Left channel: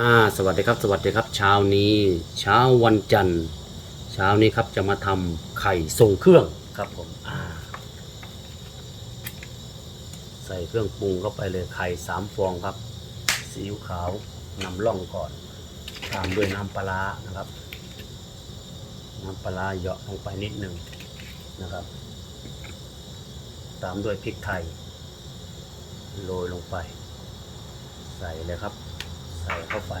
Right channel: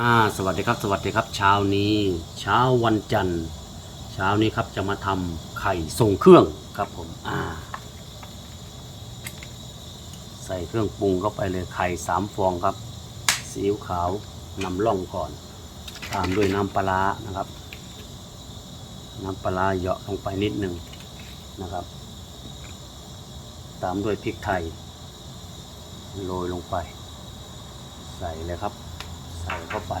อ่าสวัสดีครับสวัสดีครับเช้านี้เช้าวันจันทร์เช้านี้ครับจะมาทำไข่ทรงเครื่องครับผมอ่าใส่เครื่องปรุงเข้าไปเลยไข่สามฟองครับซีอิ๊วขาวนำล่องก่อน ตามด้วยน้ำปลาร้านะครับ น้ำปลาร้าเหยาะลงไปนิดหนึ่งนะครับ ตามด้วยพริกไทยโรยลงไป ใส่เลยครับ ใส่เข้าไป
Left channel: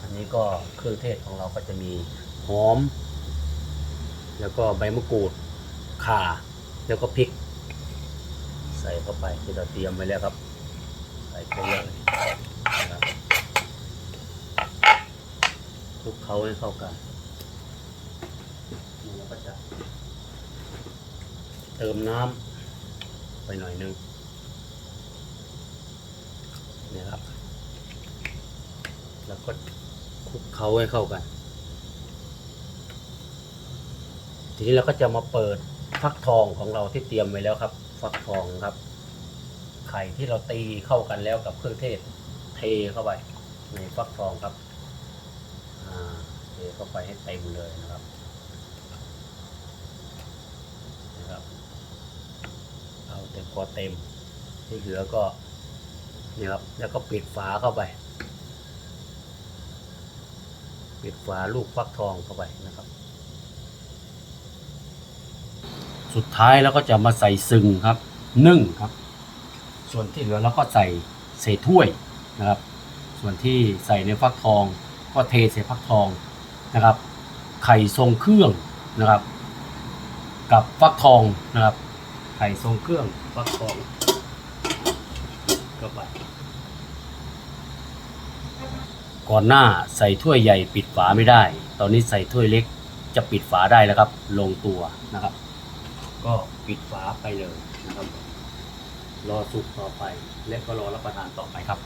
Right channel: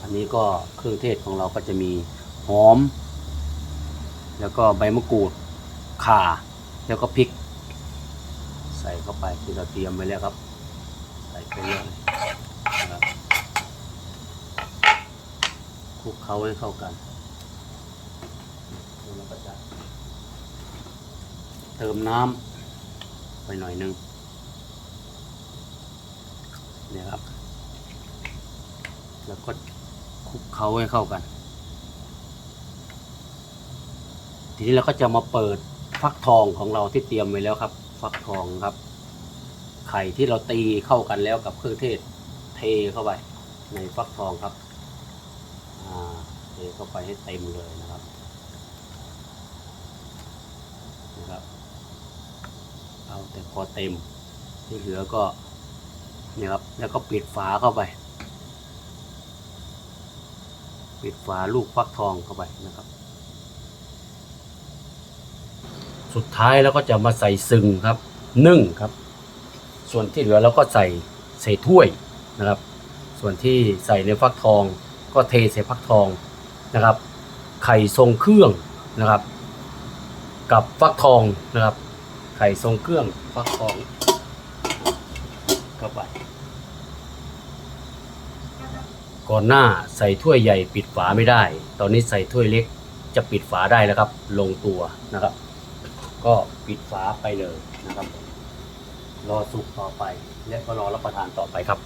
อันนี้ก็เครื่องเทศของเราก็จะมีหอม แล้วก็ใบมะกรูดข่า แล้วก็พริก ใส่เข้าไปที่เราเตรียมไว้แล้วครับ ใส่ไปเลยครับคลุกเคล้าให้เข้ากันแล้วเราก็จะเติมน้ำไปหน่อยนึงเนี่ยครับ แล้วก็คลุกเคล้าให้เข้ากัน ทีนี้เราก็จะมาเปิดฟักทองของเราที่เตรียมไว้แล้วครับ ฟักทองครับ ไข่ที่เราตีเข้ากันแล้วกับเครื่องเทศ เทเข้าไปในฟักทองครับเทเข้าไปให้เต็มเลยนะครับนะครับ เอาแต่พอเต็มที่เหลือก็เนี่ยครับแล้วก็ปิดฝาเข้าไป ปิดฝาลูกฟักทองเข้าไปนะครับ สุดท้ายแล้วก็จะมาใส่ซึ่งครับ นึ่งครับ ส่วนที่เหลือเราก็ใส่ใส่ถ้วยนะครับ ส่วนที่ใส่ในฟักทอง ก็เทใส่ฟักทองนะครับ ไข่ทรงเครื่องนะครับ กับฟักทองนะครับ ไข่ทรงเครื่องฟักทองเข้าไป ก่อนหน้าใส่ถ้วยใหญ่ปิดฝาไม่ได้ ตอนนี้ใส่ถ้วยเล็กจะปิดฝาได้แล้วครับ ลงตัวนะครับ ก็ปิดฝาไปเลยนะครับ รอสุกต่อไป และก็รอรับประทานต่อไปครับ